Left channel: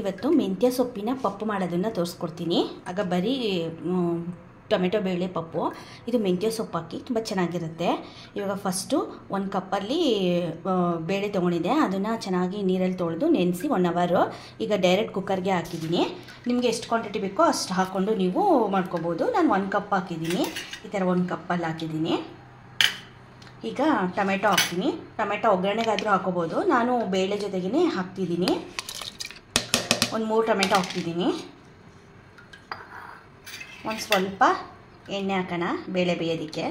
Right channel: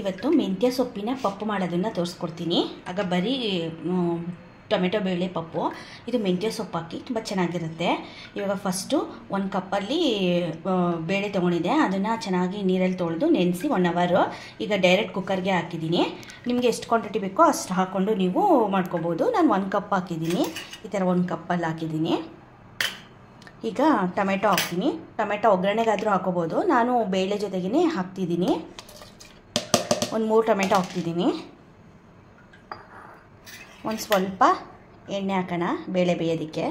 ಇವತ್ತು ಮೆಂತ್ಯ ಸೊಪ್ಪಿನ ಪಪ್ಪು ಮಾಡೋದನ್ನು ತೋರಿಸ್ಕೊಡ್ತೀನಿ. ಆಗ ಬರೀ ಟೊಮೆಟೊ ಬೇಳೆ ಪಪ್ಪು, ಇದು ಮೆಂತ್ಯ ಸೊಪ್ಪು ಹಾಕಿ ತುಂಬ ಚೆನ್ನಾಗಿರುತ್ತೆ. ಇವಾಗ ಫಸ್ಟು 1 ಕಪ್ಪಲ್ಲಿ ಬೇಳೆ ತೊಗೊಂಡಿದ್ದೆ, ಅದನ್ನು ಚೆನ್ನಾಗಿ ನೀರಲ್ಲಿ ತೊಳೆದು ನೆನೆಸಿ 1 ಅವರ್. ಈಗ ಡೈರೆಕ್ಟ್ ಕುಕ್ಕರ್ಗೆ ಹಾಕಿದ್ದೀನಿ. ನಿಮಗೆ ಎಷ್ಟು ಕ್ವಾಂಟಿಟಿ ಬೇಕೋ ಅಷ್ಟು ಹಾಕ್ಕೊಂಡು ನೀವು ಮಾಡ್ಕೋಬೋದು. ನಾನು 1 ಕಪ್ ಹಾಕಿದ್ದೀನಿ, ಈ ಥರ 1 ಕಪ್ಪಲ್ಲಿ ಹಾಕಿದ್ದೀನಿ. ಈಗ ಟೊಮೆಟೊ ಹಾಕ್ತೀನಿ. ಟೊಮೆಟೊ ಒಗ್ಗರಣೆಗಾದರೂ ಹಾಕೋಬೋದು, ನಾನು ಬೇಳೆ ಜೊತೆಗೇ ಹಾಕ್ತಿದ್ದೀನಿ. ಒಂದು 3 ಟೊಮೆಟೊ ಹಾಕ್ತಿದ್ದೀನಿ. ಒಂದು ಸ್ವಲ್ಪ ಎಣ್ಣೆ ಹಾಕೋಣ ಬೇಳೆ ಬೇಯೋದಕ್ಕೆ.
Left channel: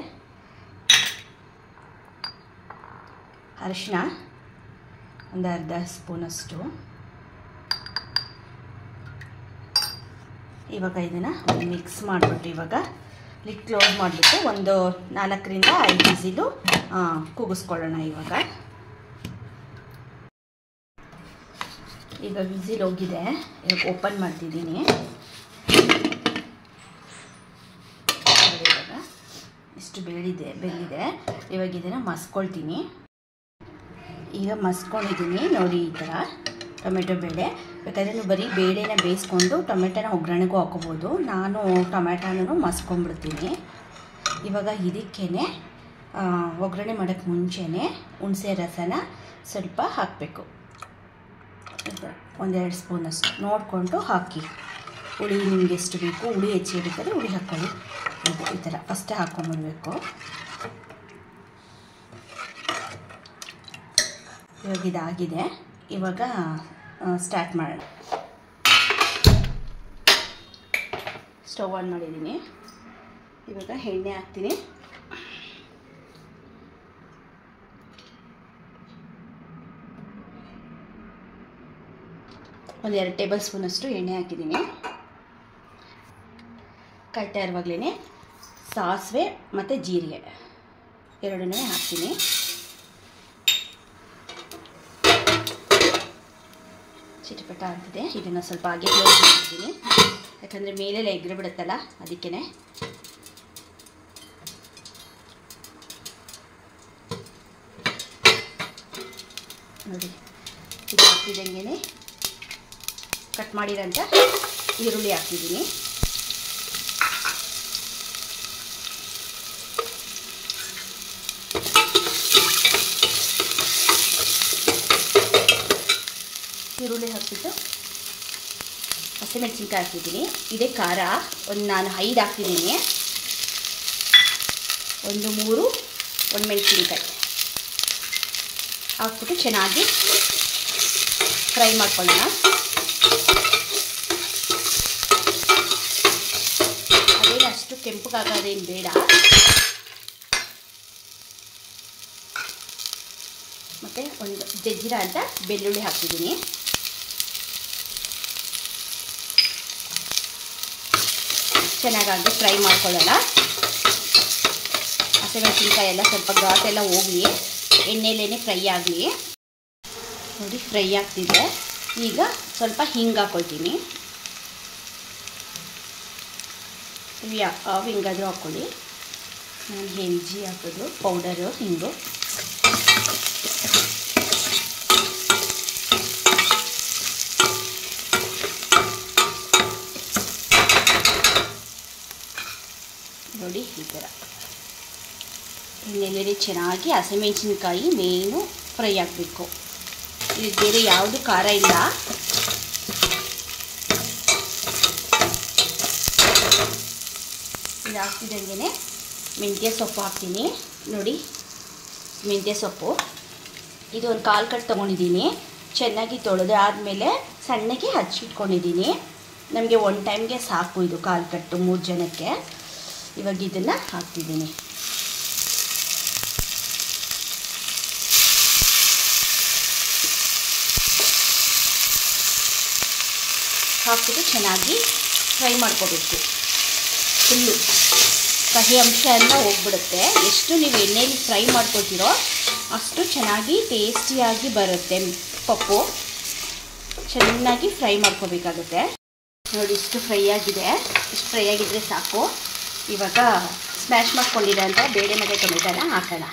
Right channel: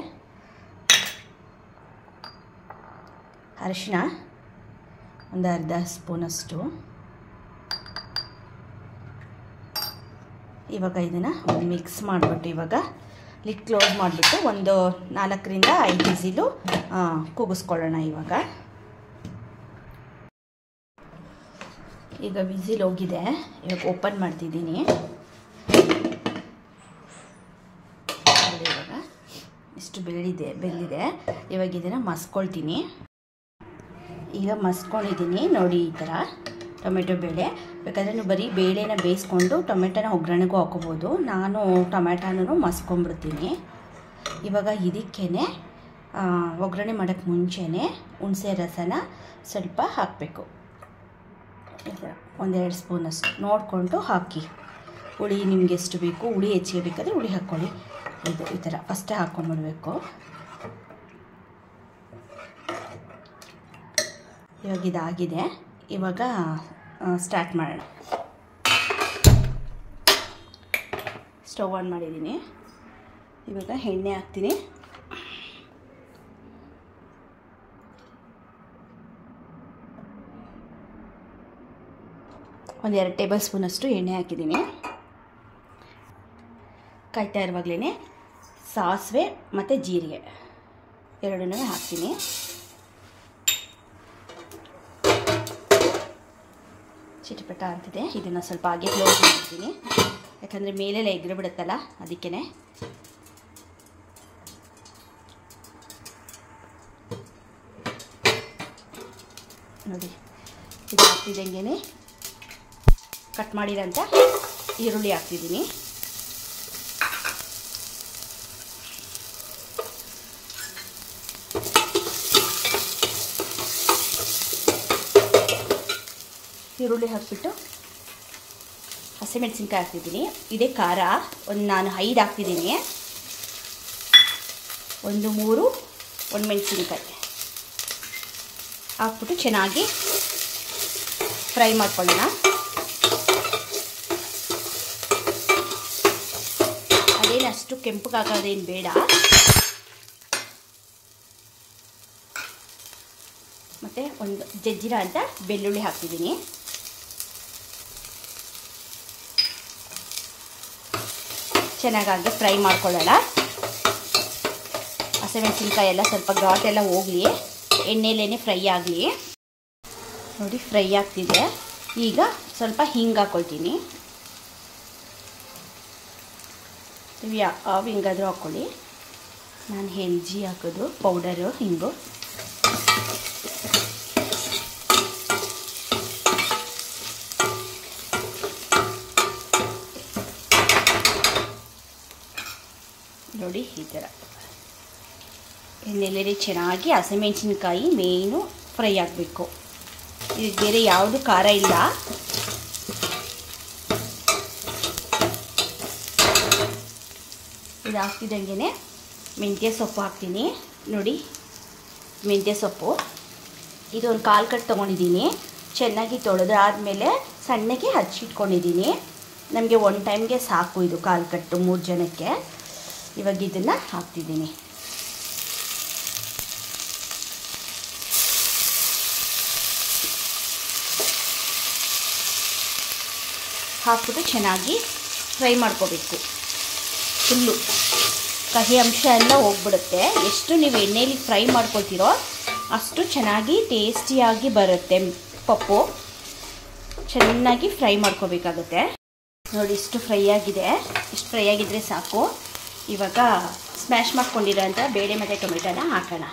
ಅರಿಶಿನ ಒಂದು ಅರ್ಧ ಸ್ಪೂನಷ್ಟು. ಇವಾಗ ಇದನ್ನು ಮಿಕ್ಸ್ ಮಾಡಿಬಿಟ್ಟು ಇವಾಗ ಲಿಡ್ ಕ್ಲೋಸ್ ಮಾಡಿಬಿಟ್ಟು ಒಂದು 4 ರಿಂದ 5 ವಿಸಿಲು ಕೂಗಿಸ್ಕೊಳ್ಳೋಣ. ಈಗ ವಿಸಿಲ್ ಹೋಗಿದೆ, ಇವಾಗ ಓಪನ್ ಮಾಡ್ತಿದ್ದೀನಿ. ಇವಾಗ ಇಷ್ಟು ಬೆಂದಿದೆ. ಇವಾಗ ಇದನ್ನು ಮಸ್ಕೊಳ್ತೀನಿ. ಈಗ ಮಸ್ಕೊಂಡಿದ್ದೀನಿ ನೋಡಿ, ಈ ಥರ ಟೊಮೆಟೊ ಬೇಳೆ. ಬೇಕಾದರೆ ನೀವು ಬರೀ ಬೇಳೆನ ಬೇಯಿಸ್ಕೊಂಡು ಟೊಮೆಟೊನ ಒಗ್ಗರಣೆಗೂ ಹಾಕೋಬೋದು. ನಾನು ಟೊಮೆಟೊನೂ ಮಸ್ಕೊಂಡ್ಬಿಡ್ತೀನಿ. ಇವಾಗ ಇದಕ್ಕೇ ಒಗ್ಗರಣೆ ಮಾಡೋಕ್ಕೆ ಮುಂಚೆನೇ ಹುಣಸೆ ರಸನ ಸ್ವಲ್ಪ ಹಾಕಬೇಕು. 1-2 ಸ್ಪೂನಷ್ಟು ನೋಡಿಕೊಂಡು ಹಾಕಿ. ಹುಳಿ ನಿಮಗೆ ಎಷ್ಟು ಬೇಕು, ಹುಳಿ ಹೆಚ್ಚಿಗೆ ಬೇಕಾದರೆ ಹುಳಿ ಹಾಕ್ಕೊಳ್ಳಿ. ಈ ಥರ ಫಸ್ಟೇ ಹಾಕ್ಕೊಂಡ್ಬಿಡ್ಬೇಕು. ಇವಾಗ ಇದಾಗಿದೆ. ಇವಾಗ ಸ್ಟಾರ್ಟ್ ಮಾಡೋಣ. ಸ್ಟವ್ ಆನ್ ಮಾಡಿದ್ದೀನಿ. ಇವಾಗ ಎಣ್ಣೆ ಹಾಕ್ತೀನಿ. ಒಂದು 2 ಟೇಬಲ್ ಸ್ಪೂನಷ್ಟು ಎಣ್ಣೆ ಹಾಕಿದ್ದೀನಿ. ಕಾಯ್ತಾ ಇರುವಾಗಲೇ ಸಾಸಿವೆ ಮತ್ತು ಜೀರಿಗೆ ಎರಡನ್ನೂ ಹಾಕ್ತೀನಿ. ಚಿಟಪಟ ಅಂತಿದೆ. ಇದನ್ನು ಸ್ವಲ್ಪ ಹಾಗೆ ಕ್ಲೋಸ್ ಮಾಡ್ತೀನಿ, ಯಾಕಂದರೆ ಮೇಲೆಲ್ಲ ಎಗ್ರೆ ಬಿಡುತ್ತಲ್ಲ, ಅದಕ್ಕೇ. ನೋಡಿ, ಇದು ಹಾಕ್ತಿದ್ದಂಗೆ ಕಟ್ ಮಾಡಿರೋಂಥ ಈರುಳ್ಳಿ ಹಾಕ್ತಿದ್ದೀನಿ. ಈರುಳ್ಳಿ ಹಾಕ್ಬಿಟ್ಟು ಹಸಿಮೆಣಸಿನ್ಕಾಯಿ ಹಾಕ್ತಿದ್ದೀನಿ. ಇದೇ ಖಾರ ನಾನು 5 ಹಾಕ್ತಿದ್ದೀನಿ. 3 ಒಣಮೆಣಸಿನ್ಕಾಯಿ ಹಾಕ್ಬಿಟ್ಟು ಚೆನ್ನಾಗಿ ಫ್ರೈ ಮಾಡ್ಕೊಳ್ಳೋಣ. ಅದೇನು ಅಷ್ಟು ಕೆಂಪಗಾಗೋದೇನು ಬೇಡ. ಮತ್ತು ಒಂದು ಜಜ್ಜಿರ ಅಂತ ಬೆಳ್ಳುಳ್ಳಿ ಹಾಕ್ತಿದ್ದೀನಿ. ಚೆನ್ನಾಗಿ ಫ್ರೈ ಮಾಡ್ಕೊಳ್ಳೋಣ. ಹಸಿಮೆಣಸಿನ್ಕಾಯಿ ಎಲ್ಲ ಸ್ವಲ್ಪ ಘಾಟೆಲ್ಲ ಹೋಗಲಿ, ಎಣ್ಣೆಲೇ ಫ್ರೈ ಆಗಲಿ. ನೋಡಿ, ಫ್ರೈ ಆಗ್ತಿದೆ. ಈಗ ಸ್ವಲ್ಪ ಹಿಂಗೆ ಹಾಕ್ಕೊಳ್ತೀನಿ. ನೀವು ಯಾವ ಹಿಂಗಾದರೂ ಹಾಕ್ಕೊಳ್ಳಿ. ನಾನು ಹೆಲ್ಜಿ ಹಾಕೋದು ಪೌಡರು ಹಿಂಗು. ನೋಡಿ, ಈ ಥರ ಎಣ್ಣೆಲೆ ಚೆನ್ನಾಗಿ ಹಸಿಮೆಣಸಿನ್ಕಾಯಿ ಮೇನು ಫ್ರೈ ಆಗಬೇಕು. ಇದಕ್ಕೆ ಬೇರೆ ಯಾವುದು ಖಾರ ಇಲ್ಲ. ಇದು ಹಾಕ್ತಿದ್ದಂಗೆ ಮೆಂತ್ಯ ಸೊಪ್ಪು ಹಾಕ್ತೀನಿ. ನೋಡಿ, ಮೆಂತ್ಯ ಸೊಪ್ಪು ಇದು ಒಂದು 1/4 ಕಟ್ ತೊಗೊಂಡಿದ್ದೀನಿ. ಚೆನ್ನಾಗಿ ತೊಳೆದು ಆದಮೇಲೆ ಸಣ್ಣಗೆ ಹಚ್ಚಿಟ್ಕೊಂಡಿದ್ದೀನಿ. ನಮಗೆ 1 ಟೈಮ್ಗೆ ಸಾಕು ಇದು 1/4 ಕಟ್ಟು 3 ಜನಕ್ಕೆ. ಇವಾಗ ಇದನ್ನು ಹಾಕ್ತಿದ್ದೀನಿ. ಹಾಕಿಬಿಟ್ಟು ಚೆನ್ನಾಗಿ ಫ್ರೈ ಮಾಡ್ಕೋಬೇಕು. ಫುಲ್ಲು ಕಹಿ ಅಂಶ ಎಲ್ಲ ಹೋಗ್ಬಿಡುತ್ತೆ. ಎಷ್ಟು ನೀವು ಎಣ್ಣೆಯಲ್ಲಿ ಫ್ರೈ ಮಾಡ್ಕೊಳ್ತೀರೋ ಅಷ್ಟು ಚೆನ್ನಾಗಿ ಟೇಸ್ಟಿಯಾಗಿ ಬರುತ್ತೆ ಪಪ್ಪು. ಚೆನ್ನಾಗಿ ಫ್ರೈ ಮಾಡ್ಕೋಬೇಕಾಗುತ್ತೆ. ನೋಡಿ, ಇಷ್ಟು ಫ್ರೈ ಆಗಿದೆ. ಇಷ್ಟು ಫ್ರೈ ಆಗಿದ್ದರೆ ಸಾಕು. ಇವಾಗ ಸ್ಮ್ಯಾಶ್ ಮಾಡ್ಕೊಂಡಿರೋಂಥ ಬೇಳೆ ಮತ್ತು ಟೊಮೆಟೊನ ಹಾಕೋಣ.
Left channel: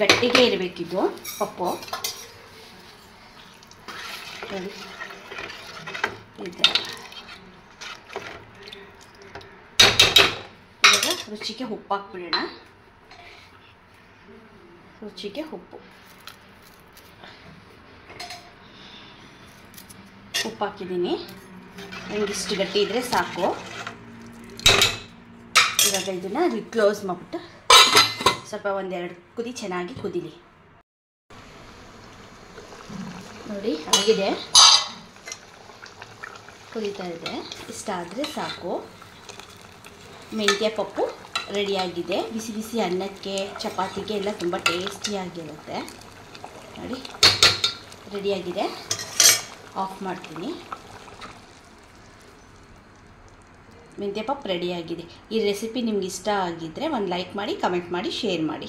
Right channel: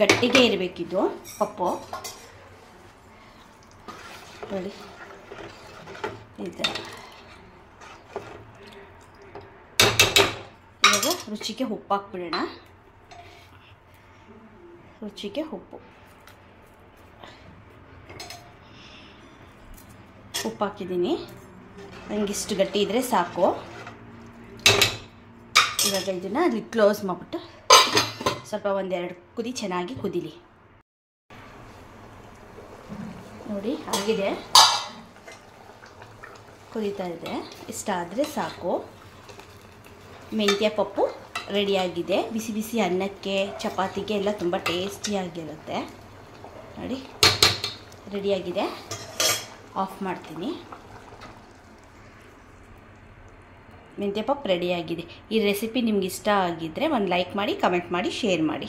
ಗಟ್ಟಿಗೆ ಇರಬೇಕಿದು ಪಪ್ಪು. ನೋಡಿ, ಇದೆ. ಇವಾಗ ರುಚಿಗೆ ಉಪ್ಪು ಹಾಕ್ಬಿಡೋಣ. ರುಚಿಗೆ ಉಪ್ಪು ಹಾಕಿದ್ದೀನಿ. ನನಗಿಷ್ಟು ಗಟ್ಟಿ ಇದ್ದರೆ ಸಾಕು. ಇವಾಗ ಇದನ್ನು ಕ್ಲೋಸ್ ಮಾಡಿಬಿಟ್ಟು ಸ್ವಲ್ಪ ಒಂದೆರಡು ಕುದಿ ಚೆನ್ನಾಗಿ ಕುದೀಲಿ. ನೋಡಿ ಆಗಿದೆ, ಕುದೀತಾ ಇದೆ. ಇಷ್ಟಾದರೆ ಸಾಕು. ಮೆಂತ್ಯ ಪಪ್ಪು ರೆಡಿಯಾಗಿದೆ. ಬಿಸಿ ಬಿಸಿ ಅನ್ನಕ್ಕೆ ಚಪಾತಿಗೆ ಎಲ್ಲ ತುಂಬ ಟೇಸ್ಟಿಯಾಗಿರುತ್ತೆ. ನೋಡಿ ರೆಡಿಯಾಗಿದೆ. ಆಫ್ ಮಾಡ್ತೀನಿ. ಮೆಂತ್ಯ ಪಪ್ಪು ರೆಡಿಯಾಗಿದೆ. ಈ ರೆಸಿಪಿ ನಿಮ್ಗೆ ಇಷ್ಟ ಆಗಿದ್ದರೆ ಒಂದು ಲೈಕ್ ಮಾಡಿ, ಕಮೆಂಟ್ ಮಾಡಿ, ಶೇರ್ ಮಾಡಿ.